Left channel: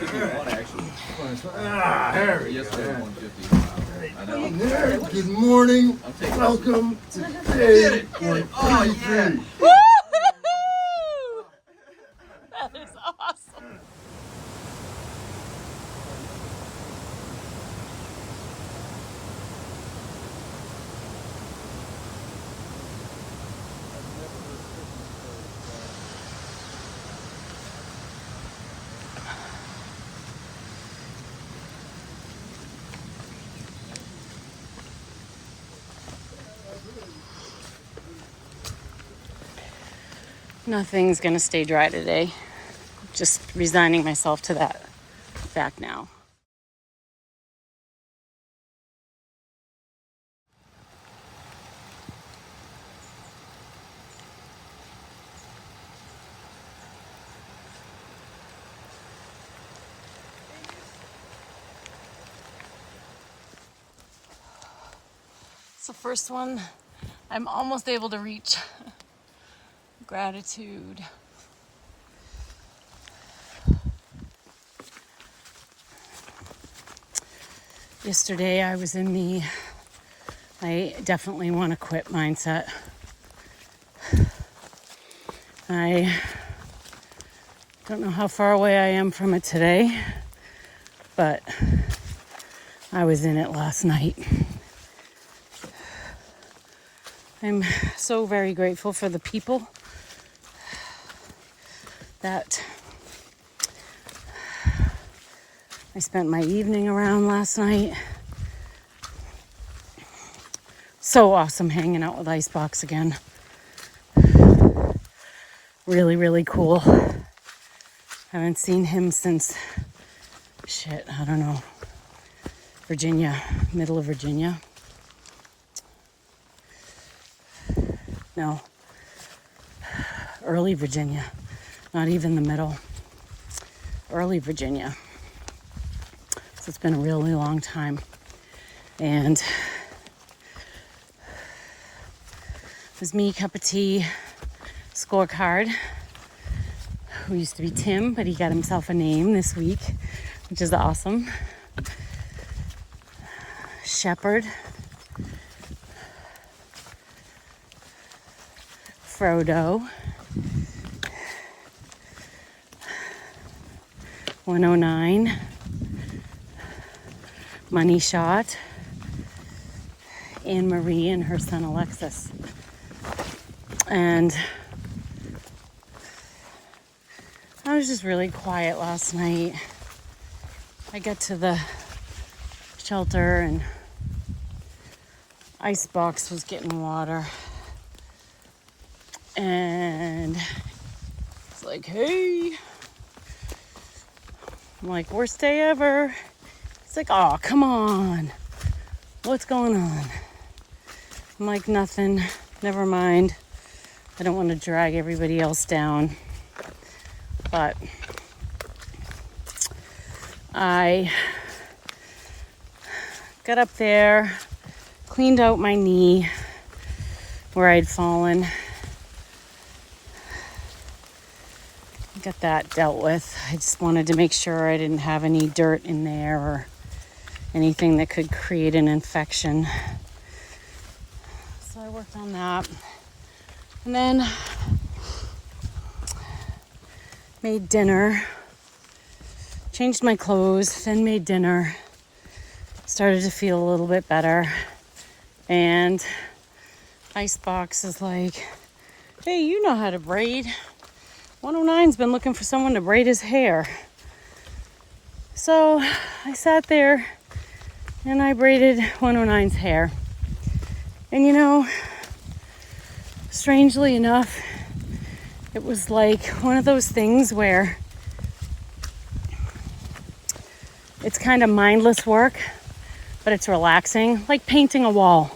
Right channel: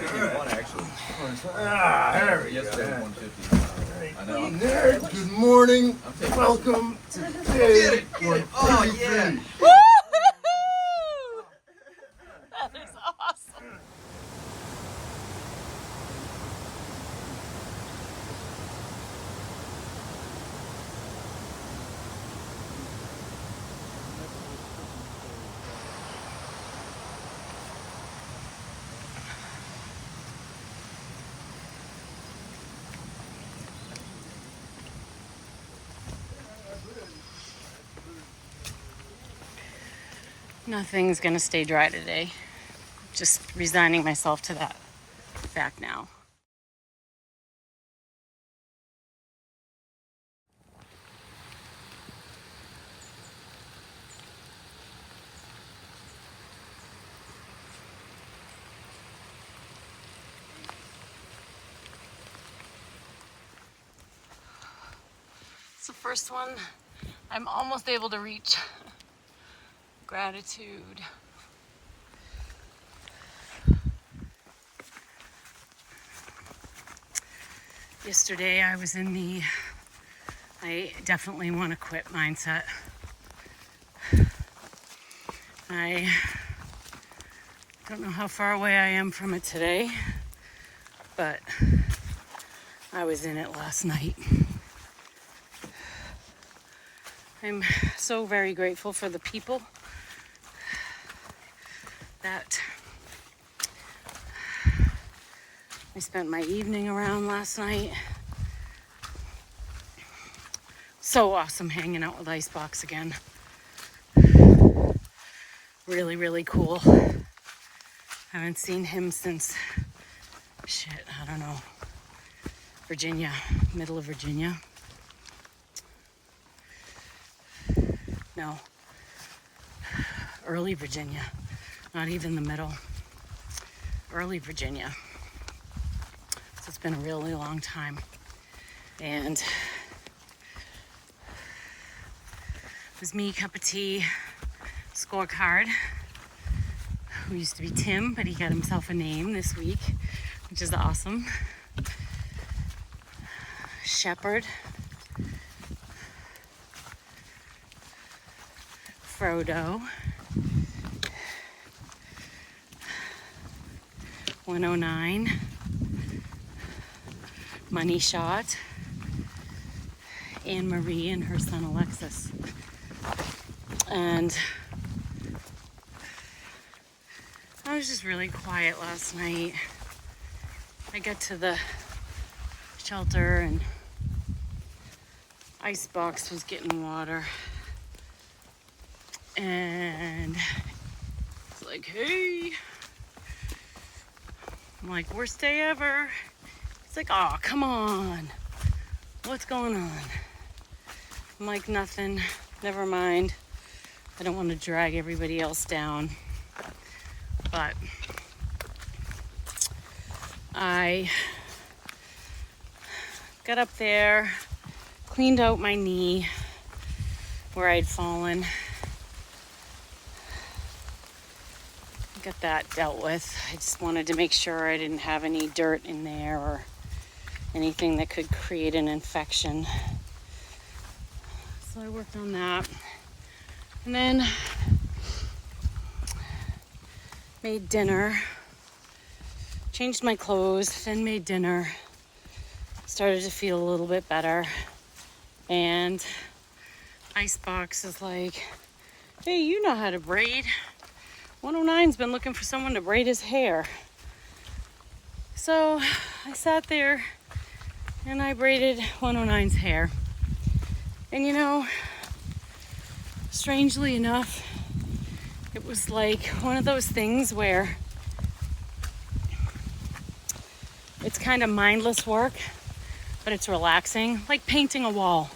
151 actually. Harry. Yesterday 150. I know. Nerd, good morning. Welcome to day 133. Oh yeah. That is awesome. Nothing's gonna stay dry today. Just resigning myself to that fact now. It's the first one I'm almost able to reach. Gratitude. Yesterday I was in the I definitely want to quit mindset. I don't know how far away I am from it today, but I was in it last night. I'm so very grateful for the people that I spent my evening around last night. So awesome hanging out with Icebox again. Really, really cool. Haven't seen him since, I don't know, Virginia, middle of Virginia. No, early Virginia, not even the middle. Early Virginia. So it's been a really long time. And it was me, cup of tea, scorecard, who used to be Tim, but he got himself a name this week, which is awesome. Shepherd, Frodo, 109, Money Shot, Anne Marie and her son Alexis. And I was just really quiet last night. I got to the shelter and Icebox was getting water. And it's like, hey. I'm like, worst day ever. It's like, oh, come on. What's going on? I'm like, nothing. Never mind. I don't want to drag everybody else down. But I got up there, cleaned out my knee where I'd fallen. Got that dealt with. I just wanted to make sure I didn't have any dirt in there or anything that could create an infection. So I worked on that. And then made dinner. Changed my clothes, then made dinner. Started to feel a little bit better. And Icebox is like, hey, you know how to braid. 109's been looking for someone to braid his hair. So I sat there and I braided 109's hair. And you know, strangely enough, it was like one of those things where it's kind of mindless work, but it's relaxing, like painting a wall,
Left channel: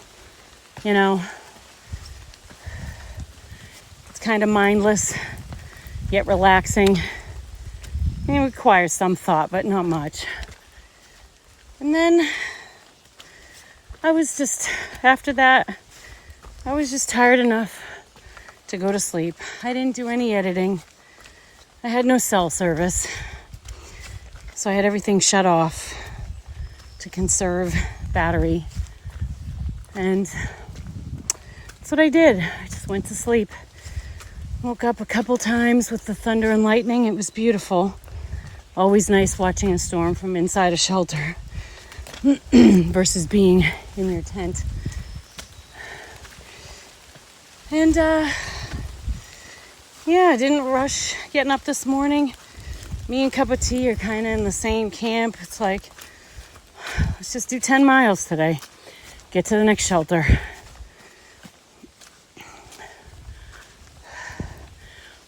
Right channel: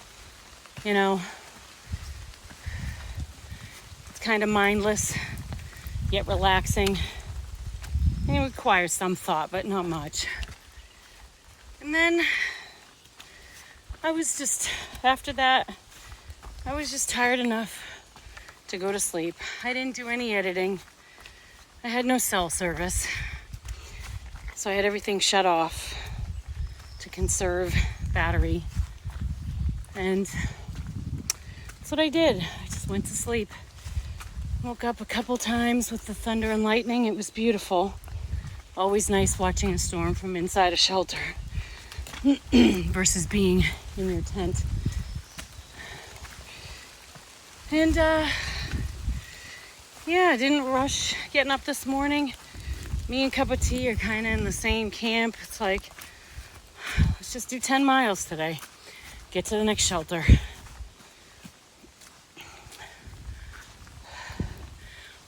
you know. It's kind of mindless, yet relaxing. It requires some thought, but not much. And then I was just, after that, I was just tired enough to go to sleep. I didn't do any editing. I had no cell service. So I had everything shut off to conserve battery. And that's what I did. I just went to sleep. Woke up a couple times with the thunder and lightning. It was beautiful. Always nice watching a storm from inside a shelter versus being in your tent. And yeah, I didn't rush getting up this morning. Me and Cup of Tea are kind of in the same camp. It's like, let's just do 10 miles today. Get to the next shelter.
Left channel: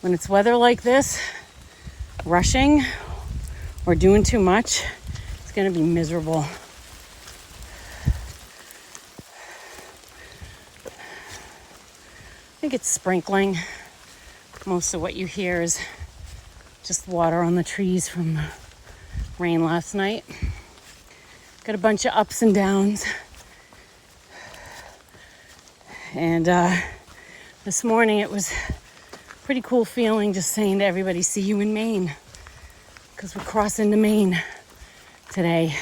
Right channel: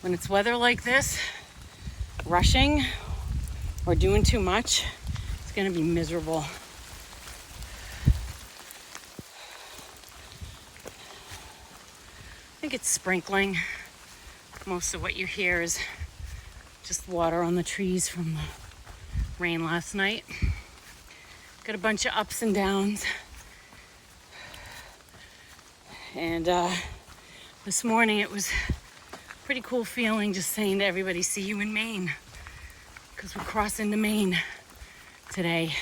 When it's weather like this, rushing or doing too much, it's gonna be miserable. I think it's sprinkling. Most of what you hear is just water on the trees from the rain last night. Got a bunch of ups and downs. And this morning it was a pretty cool feeling just saying to everybody, see you in Maine. Because we cross into Maine today.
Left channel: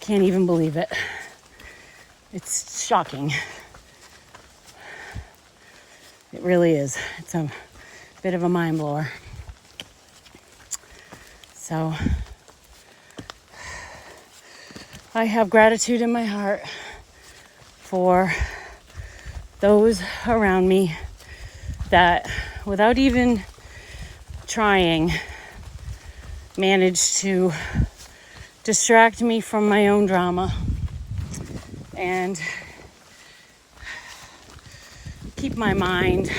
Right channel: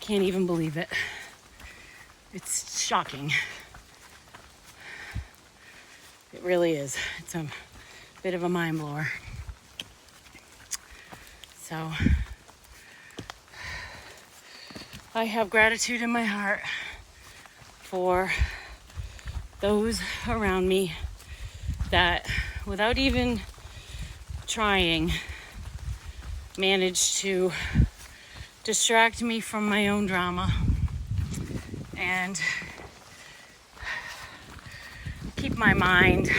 Can't even believe it. It's shocking. It really is. It's a bit of a mind blower. So I have gratitude in my heart for those around me that, without even trying, managed to distract me from my own drama and keep my mind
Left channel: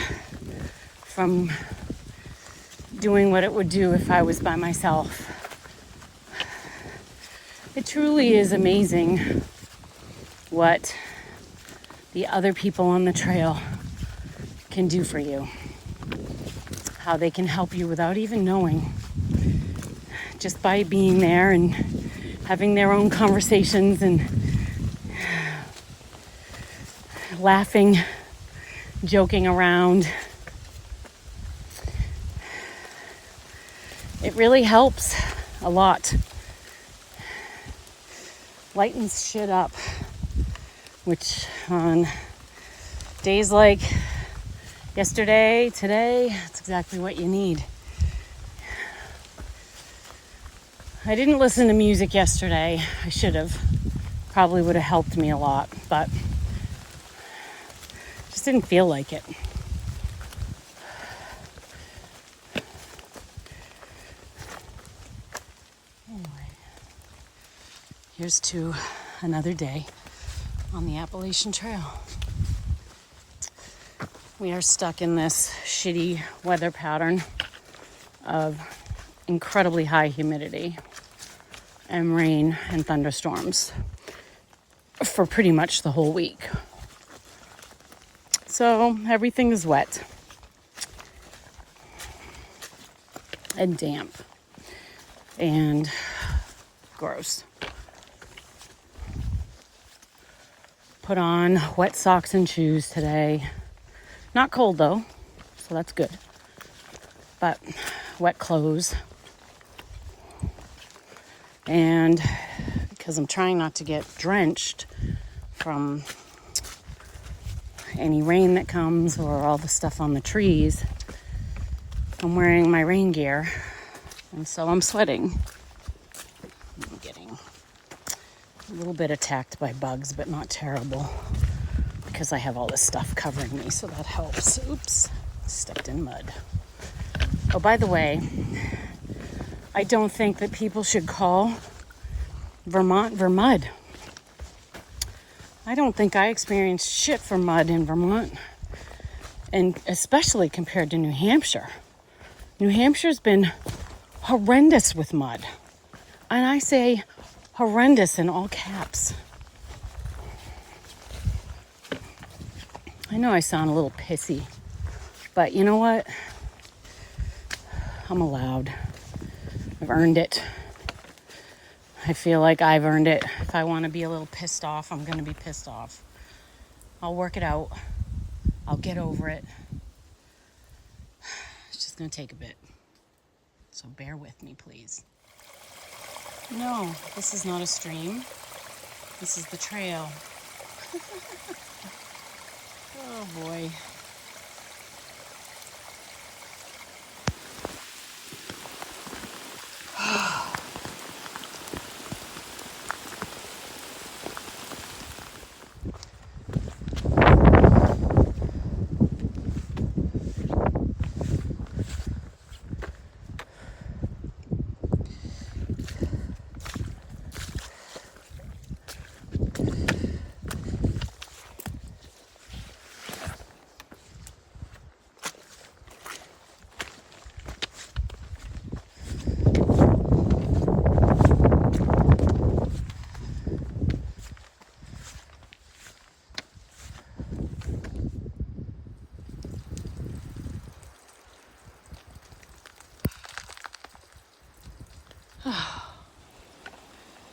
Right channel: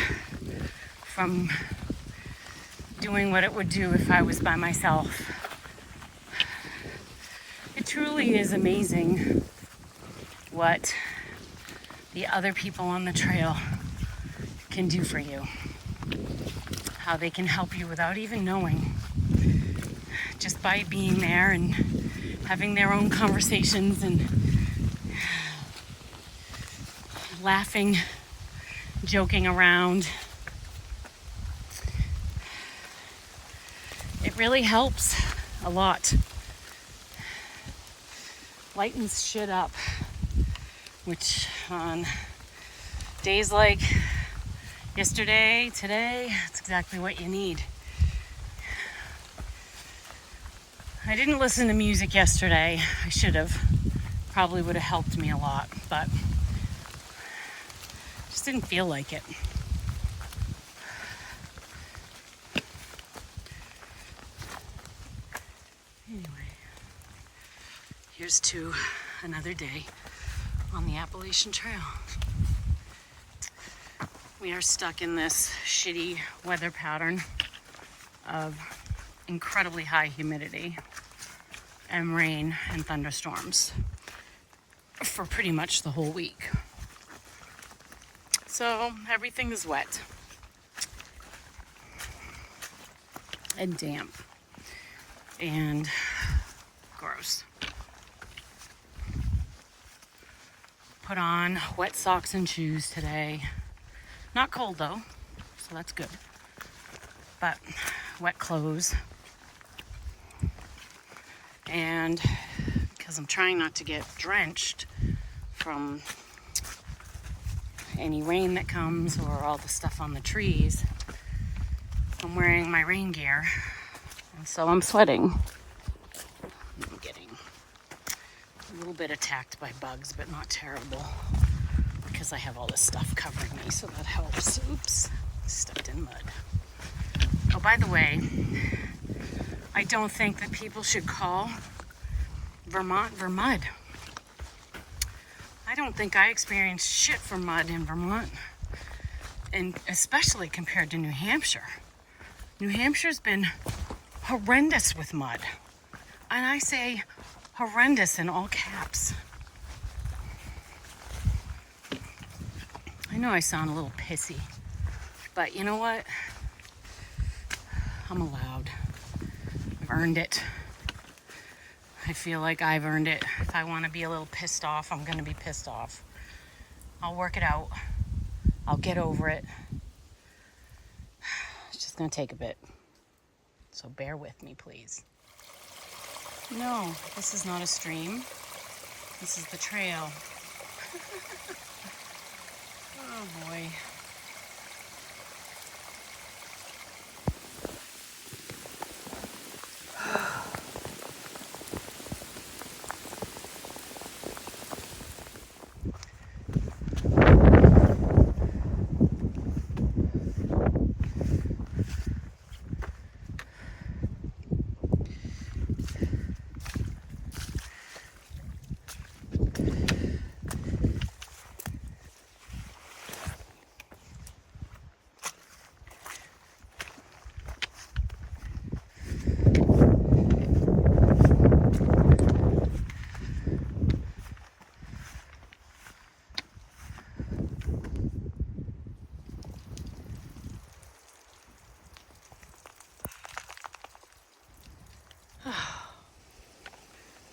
from doing what it would do if I was by myself. It truly is amazing what the other people on the trail can do for you. How they can help you without even knowing. Just by being there and having their own conversations and laughing, joking around. It really helps a lot. Lightens shit up, which on days like yesterday, today, it's exactly what you need. I didn't listen to music yesterday. I should have. Probably would have helped me a lot, but just didn't feel like it. Anyway, here's to another day on the Appalachian Trail. We are stuck in this shitty weather pattern of incredibly high humidity and rain and thunderstorms for pretty much the whole week. So everything is wet and damp and gross. Put on wet socks and shoes today. Not cold though, so that's good. But wet clothes. And because I'm trying not to get drenched from any rain that comes or all the stuff on the trees, I'm wearing my rain gear, and so I'm sweating. I'm getting a little bit attacked by bugs, but not terrible because I have all this stuff covering me, so that helps. Oops, stepped in mud. Oh, by the way, I don't think that people should call Vermont Vermud. I don't think I experienced shit for mud in Vermont, and especially compared to New Hampshire. New Hampshire's been horrendous with mud, and I say horrendous in all caps. I know I sound a little pissy, but you know what? I'm allowed. I've earned it. I feel like I've earned it. If I want to be a little pissed off, I'm going to be pissed off. I'll work it out. I'll get over it. It's just going to take a bit. So bear with me, please. No, this is not a stream. This is the trail. Oh boy.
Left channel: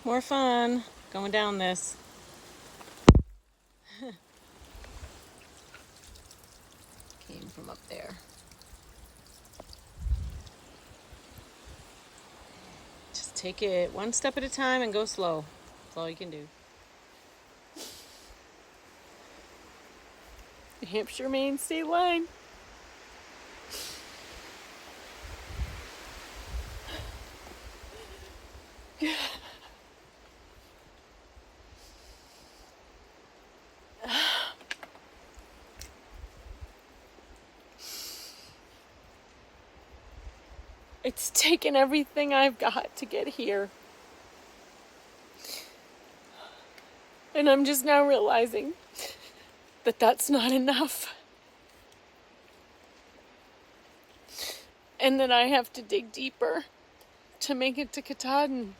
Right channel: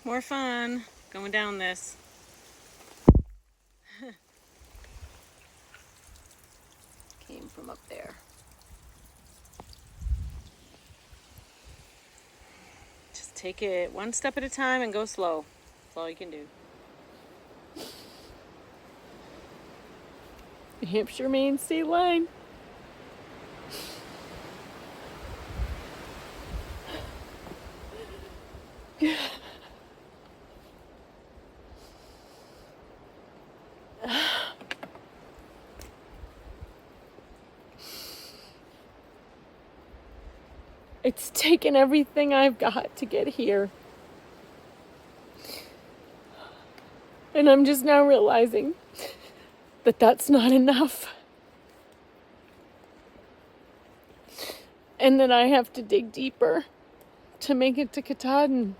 More fun going down this. Came from up there. Just take it one step at a time and go slow. That's all you can do. New Hampshire, Maine state line. It's taken everything I've got to get here. And I'm just now realizing that that's not enough. And that I have to dig deeper to make it to Katahdin.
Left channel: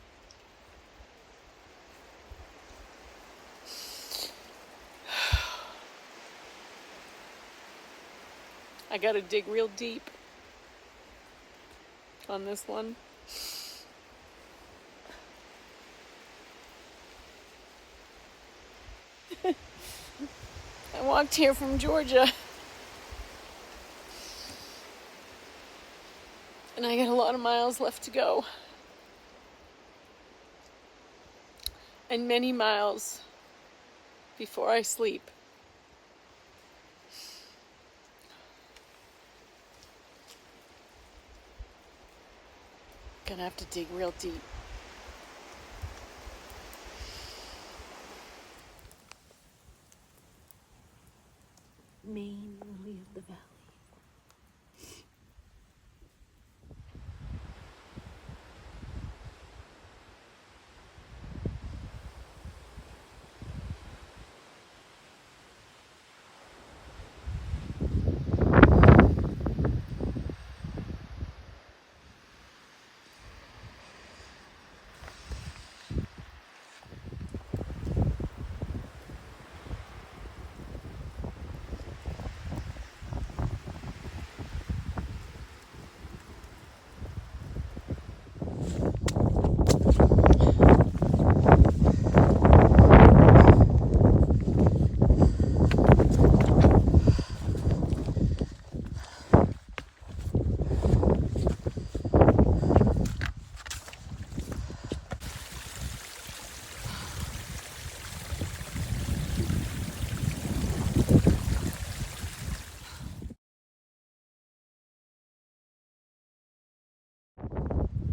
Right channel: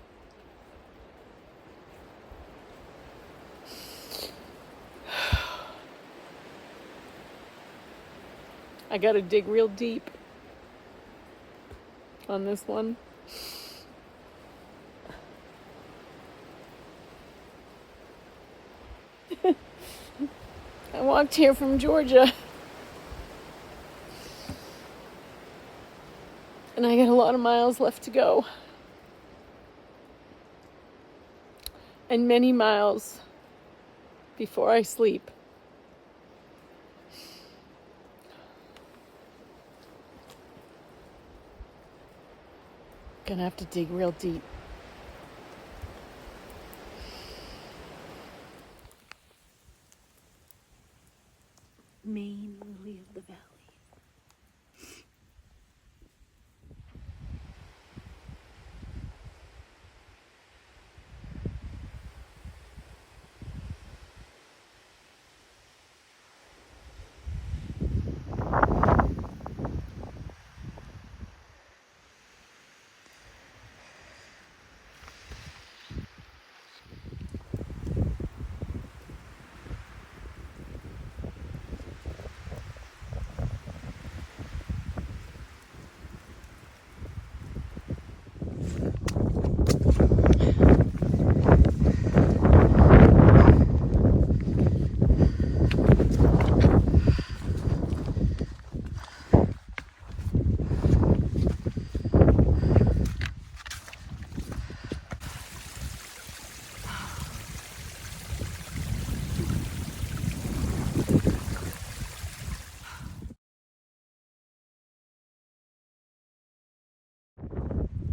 I gotta dig real deep on this one. I walked here from Georgia. And I got a lot of miles left to go. And many miles before I sleep. Gonna have to dig real deep. Maine, lily of the valley.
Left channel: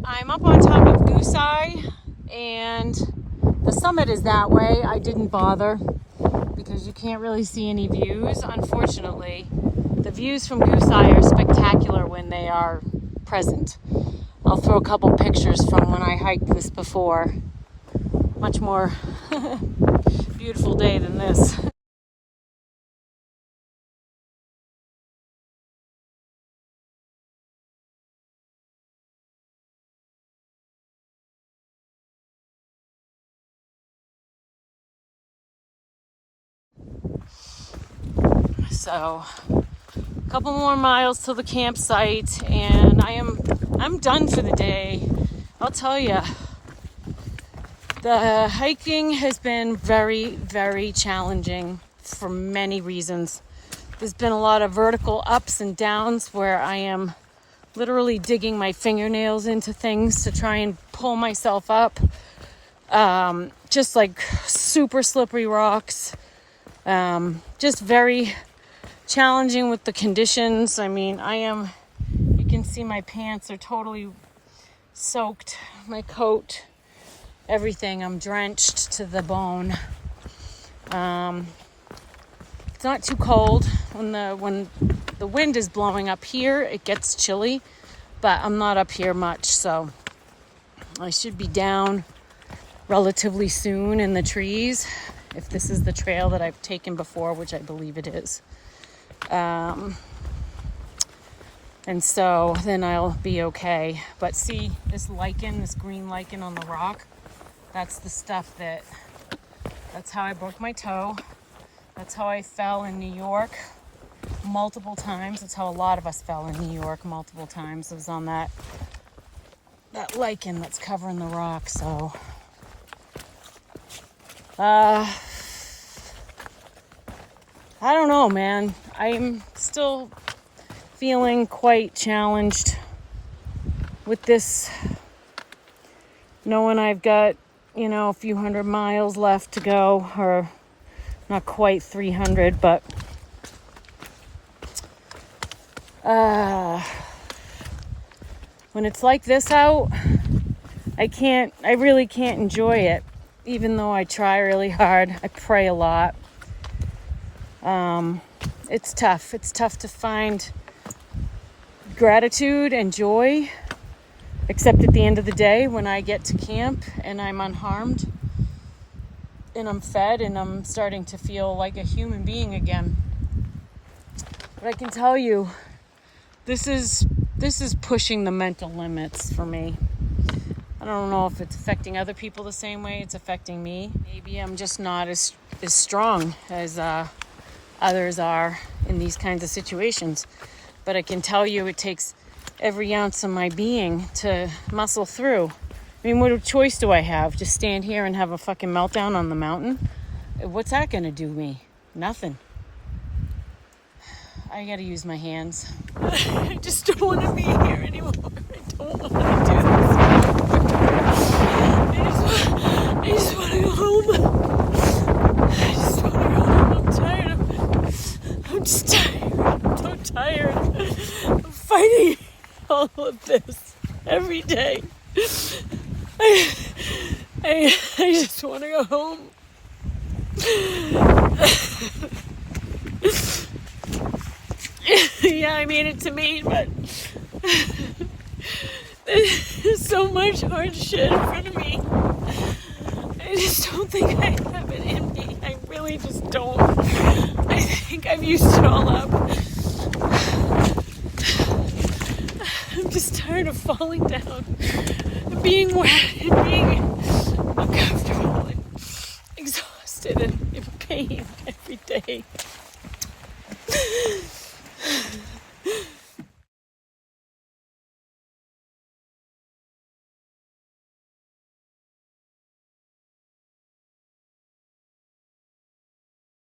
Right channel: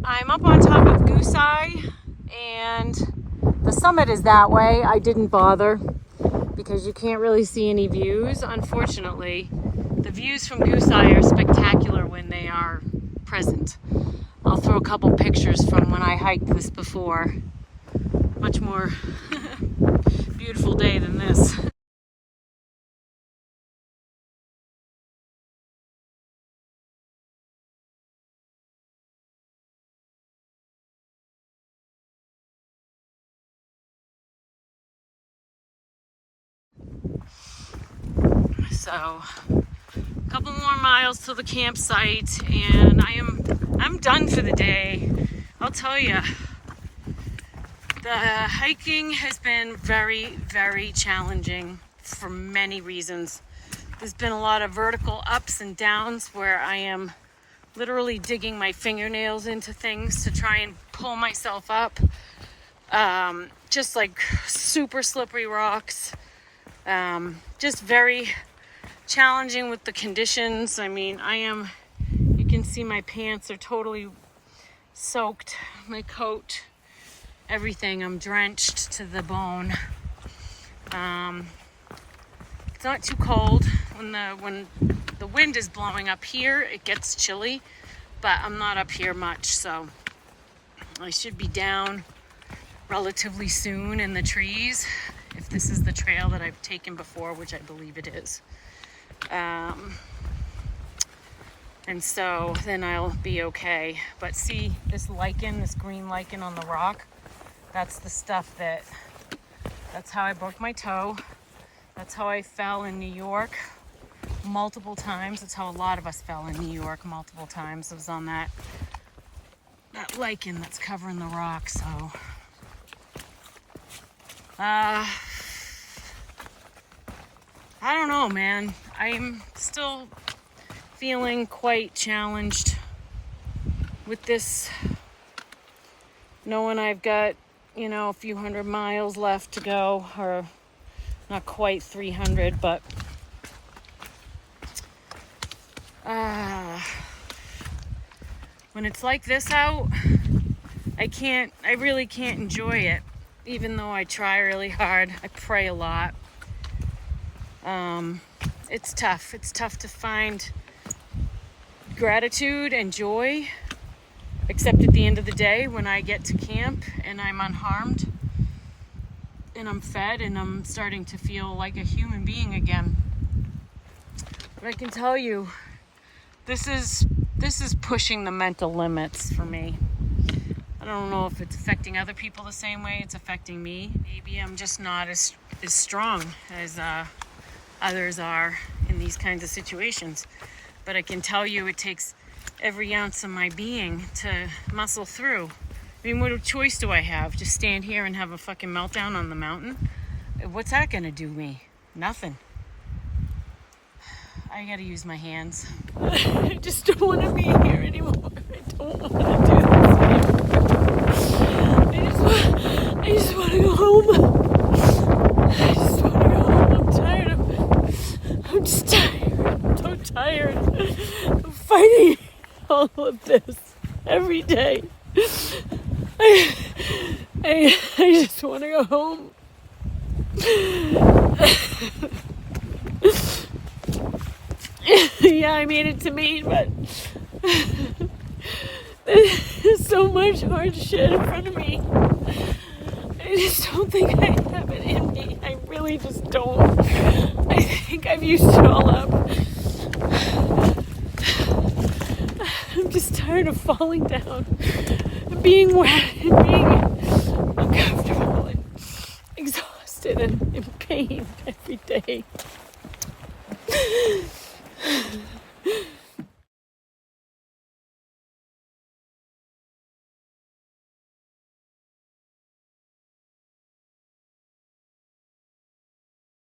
I'm up on top of Goose Eye, and the summit is that way. I didn't bother because you can't really see any views, unfortunately. The views from Goose Eye are spectacular when they are present. I'll throw a couple pictures from when I hiked this before. Much more beautiful day than this. So, a couple more miles to the campsite, and I'm done for the day. I'll tell you, the hiking has been very, very challenging for many reasons. There's been a lot of vertical ups and downs where I am literally digging my fingernails into things to try and pull myself up. Just like super slippery rocks. Just very challenging with the conditions. I mean, you can see my pants are totally soaked. My coat, everything, I'm drenched to the bone. It's not too cold. When the wind is blowing up here, it gets chilly, but I'm not up here much, so I should be down relatively soon in the trees, if this is the trail that I've taken before, which I believe it is. And so then I'll be okay. But see this lichen, this green lichen on the rock? That's the stuff that's how I broke my toe. That's how I fell in New York multiple times. That's how a lot of us fell in New York multiple times. It was on that lichen that's covering the rock, so. I don't know, man. I'm still feeling quite challenged with this, knowing I've got, a few hundred miles left to go, or not quite 300, but when it's like this out, I really can't enjoy it, even though I try really hard. I pray a lot. It's tough. It's tough to find gratitude and joy, except at the end of the day when I get to camp and I'm unharmed and I'm fed and I'm starting to feel like a human being again. But I can tell you, this is pushing the mental limits for me. I don't know if it's affecting other people the same way it's affecting me. Maybe I'm just not as strong as others are in these kinds of situations. But I can tell you it takes every ounce of my being to muscle through. I mean, what choice do I have? Just stand here and have a fucking meltdown on the mountain? What's that gonna do me? Nothing. I gotta use my hands. I just don't want to be here anymore. I don't want to do this anymore. I just want to go home. I just want to go home. I'm tired of. I'm just tired. I'm so tired of fighting all of this every day. I just want to go home. Yeah, I made it to Maine, but there's so much hard shit in front of me. I just don't think I have it in me. I really just don't. I think I've used it all up. I'm just tired of falling down and being wet and being uncomfortable and exhausted and in pain every day.